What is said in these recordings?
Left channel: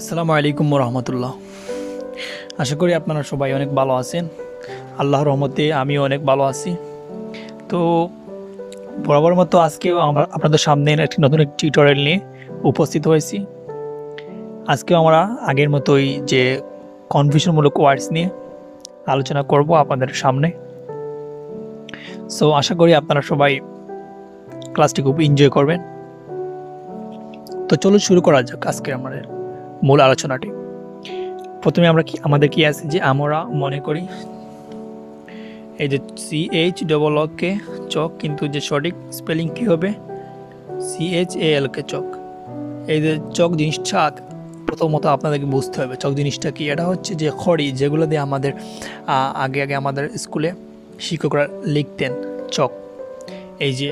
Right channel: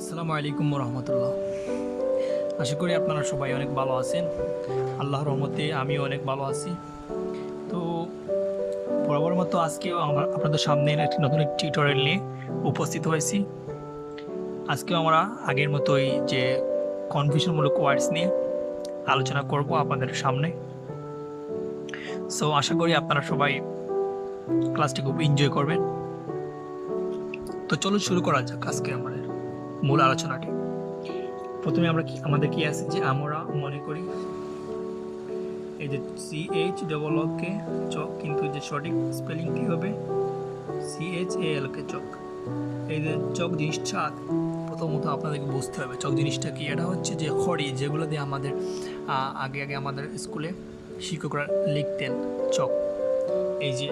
আসসালামু আলাইকুম রহমতুল্লাহ। আশা করি আপনারা সবাই অনেক ভালো আছেন। আল্লাহর রহমতে আমিও অনেক ভালো আছি। তো বরাবর মতো আজকেও আমরা আপনাদের সামনে নতুন একটি টিউটোরিয়াল নিয়ে উপস্থিত হয়েছি। আজকেও আমরা আগের মতোই যে কনফিউশনমূলক ওয়ার্ডস নিয়ে আলোচনা করব আপনাদের সামনে। সো আশা করি আপনারা সবাই ক্লাসটি খুব এনজয় করবেন। তো চলুন শুরু করা যাক আজকে আমাদের মূল আলোচনাটি। প্রথমে আমাদের কি আছে যে আমরা মনে করি এই যে CH চক, কিন্তু যে সঠিক স্পেলিং কি হবে CHAL চক। এই যে চক জিনিসটা প্রথমত আপনাদেরকে বুঝতে হবে চক জিনিসটা কি। এটা হচ্ছে যে খড়ি, যেগুলো দিয়ে আমাদের আগে আমাদের স্কুলে শিক্ষকরা লিখতেন চক। এই যে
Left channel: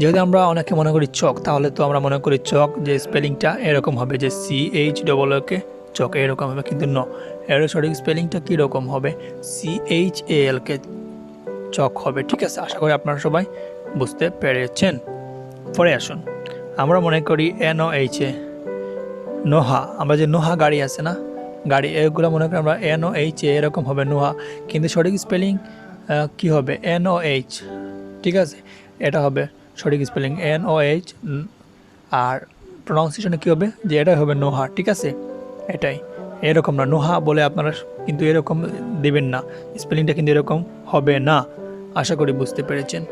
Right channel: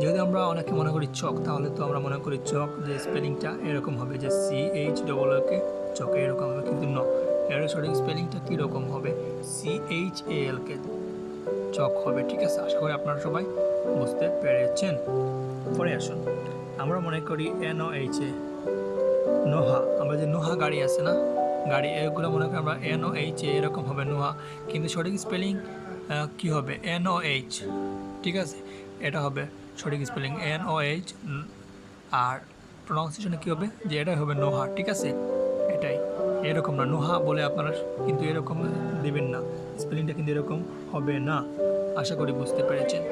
যেহেতু আমরা অনেকে মনে করি চক, তাহলে তো আমরা মনে করি চক যে স্পেলিংটা এরকম হবে যে CHAK চক এরকম হবে, কিন্তু এর সঠিক স্পেলিংটা কীরকম হবে CHAL চক হবে। ঠিক আছে, আশা করি আপনারা সবাই বুঝতে পেরেছেন। পরে আসুন, আমরা মনে করি NOHA নোহা। আমরা যে নোহা গাড়ি আছে না, গাড়ি, এগুলো মনে করি আমরা NOHA এরকম হবে নোহা, কিন্তু সঠিক স্পেলিং কি হবে NOH। ঠিক আছে, এটা হবে সঠিক স্পেলিং NOH, আর প্রনাউন্সিয়েশনে কী হবে যে এটাই হবে নোহা। ঠিক আছে, এটাই এরকম না, নোহা বলে আপনারা কিন্তু এরকম দেবেন না, স্পেলিংটা কিন্তু এরকম হবে না। আশা করি বুঝতে পেরেছেন।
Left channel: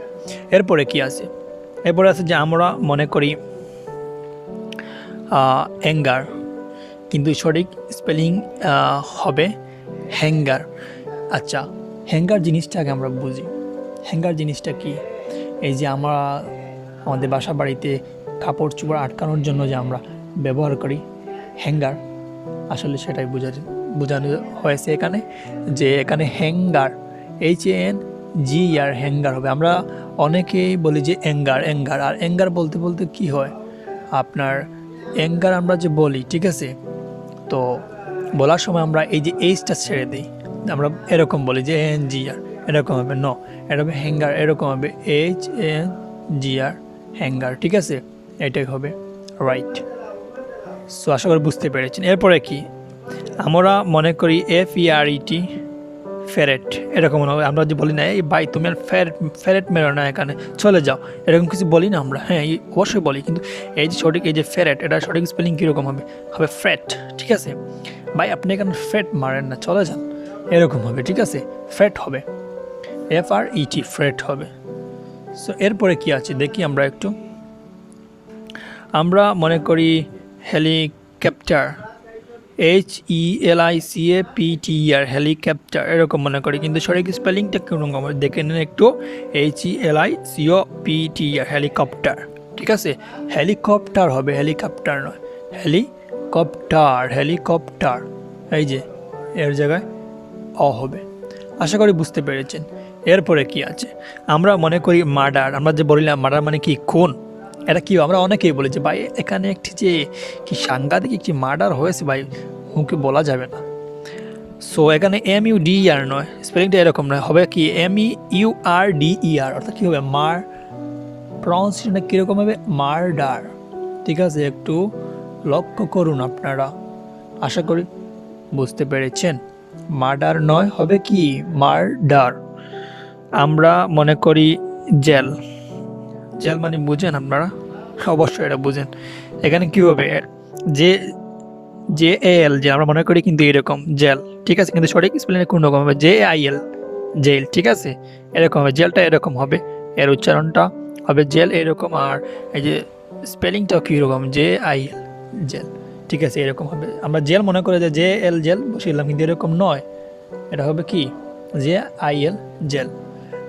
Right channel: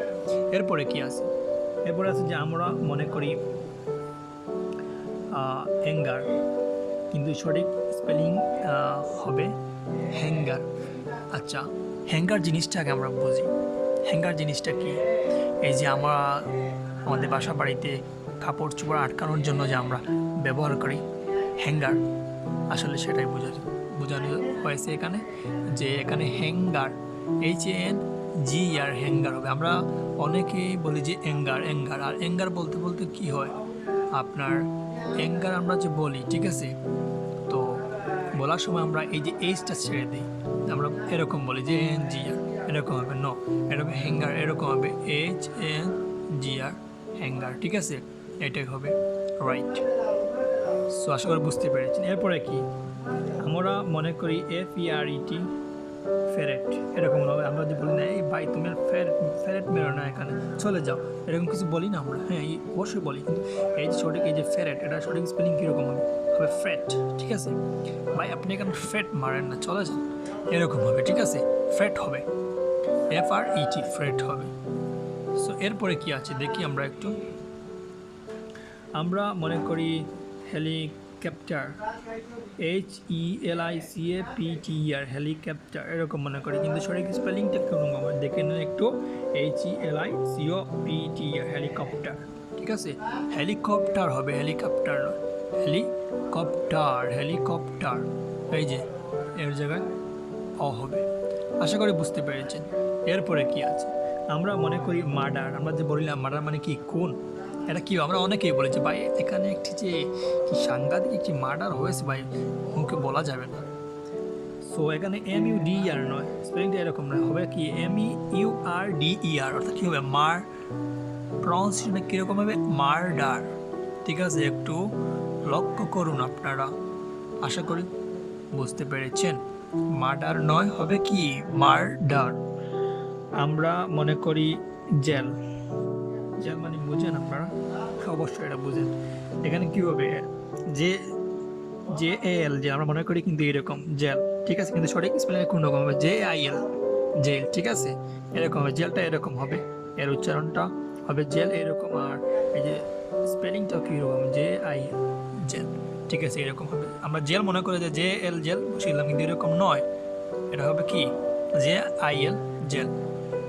এরপরে কি আছে, এরপরে আছে যে আমরা মনে করি অ্যাঙ্গার, কিন্তু সঠিক স্পেলিং হবে হ্যাঙ্গার। আচ্ছা, হ্যাঙ্গার জিনিসটা আগে আমরা বুঝি। হ্যাঙ্গার জিনিসটা কি? এই যে আমরা আমাদের বাসা বাড়িতে কাপড় চোপড় আটকানোর জন্য যে আমরা ব্যবহার করি হ্যাঙ্গার, আসলে সেটাই বোঝানো হয়েছে এখানে, যে এখানে হ্যাঙ্গার HANGER হ্যাঙ্গার হবে। আমরা অনেকেই বলি যে অ্যাঙ্গার, আর অ্যাঙ্গার বলতে বলতে কি হয় আপনার অ্যাঙ্গার আমরা যে বলি, ঠিক আছে, তো বলার সময় আমরা এই যে এইচটা ছেড়ে দিই, আমরা এরকম বলি যে ANGER এরকম হবে, এটা হবে হ্যাঙ্গার, এরকম হবে HANGER হ্যাঙ্গার। ঠিক আছে, এটাই হবে রাইট। সো আশা করি বুঝতে পেরেছেন। এরপরে কি আমরা মনে করি FERET ফেরেট, এরকম আমরা যে বলি না এই ভাই তুমি আর ফেরেট মেরো না, এখানে চলে যাও, এরকম কিছু বলি না আমরা। হ্যাঁ, অবশ্যই বলি, কিন্তু এই যে সঠিক এই যে ফেরেট, এটা সঠিক স্পেলিং কীরকম হবে ফ্রেট। ঠিক আছে ভাই, আপনি এখানে ফ্রেট মারেন না, চলে যান, এরকম হবে। ঠিক আছে, ফ্রেট হবে FRET ফ্রেট হবে। সো এরপরে কি আছে দেখি আমরা একটু। আমরা মনে করি হেলিকপ্টার HELICAPTER হেলিকপ্টার এরকম মনে করি, কিন্তু সঠিক স্পেলিংটা কেমন হবে দেখে নেন একটু। HELICOPTER helicopter. ঠিক আছে, হেলিকপ্টার হবে, হেলিকপ্টার নয়, হেলিকপ্টার। এই যে এর জায়গায় হবে। আশা করি বুঝতে পেরেছেন। এরপরে কি আছে, আমরা মনে করি মার্ডার। আমরা যে বললাম মার্ডার মানে কি খুন, এটা কি আমরা অনেকেই বলি যে ভাই এখানে একটি যে কি সাংঘাতিক একটি মার্ডার হয়েছে ভাই, মুখে বলা যাবে না। সো এখানে MUDER নয়, স্পেলিংটা এরকম নয়, হবে কি MEURDER, অর্থাৎ কী হবে মার, প্রনাউন্সিয়েশনটা কীরকম হবে মার্ডার। ঠিক আছে, একটু লক্ষ্য করুন আপনারা, আশা করি বুঝতে পেরেছেন। মার্ডার নয়, হবে কি মার্ডার। আমরা মনে করি জেল মানে বুঝেন আপনারা, অবশ্যই এটা বুঝেন। এখানে কি হবে JAL যে আমরা মনে করি কিন্তু এরকম জেল। ঠিক আছে, কিন্তু সঠিক স্পেলিং কোন রকম হবে JIL জেল। ঠিক আছে, এরকম হবে, জেলটা এরকম হবে, এর উচ্চারণটা হবে জেল এরকম, আর এই যে স্পেলিংটাও কীরকম JIL জেল। ঠিক আছে, এরকম হবে। আমরা জেল মনে করে যে JL জেল বসিলাম, কিন্তু এরকম নয়, এটা হবে কি JIL জেল।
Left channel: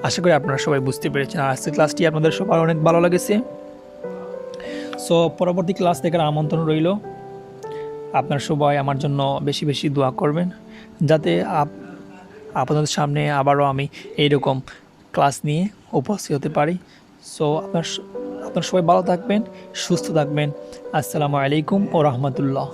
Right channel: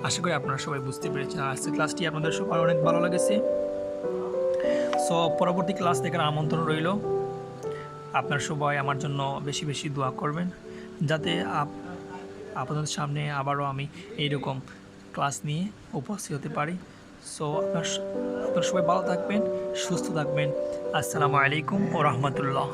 আশা করি আপনারা সবাই বুঝতে পেরেছেন। আর আজকের ক্লাসটি আপনাদের সবার অনেক ভালো লেগেছে। সো পরবর্তী ক্লাস দেখার আমন্ত্রণ রইল। আপনার সবাই আমার জন্য বেশি বেশি দোয়া করবেন, যাতে আপনাদের সামনে আবারও আমি এইরকম ক্লাস নিয়ে উপস্থিত হতে পারি। সো আপনার সবাই ভালো থাকবেন, সুস্থ থাকবেন। আসসালামু আলাইকুম ও রহমতুল্লাহ।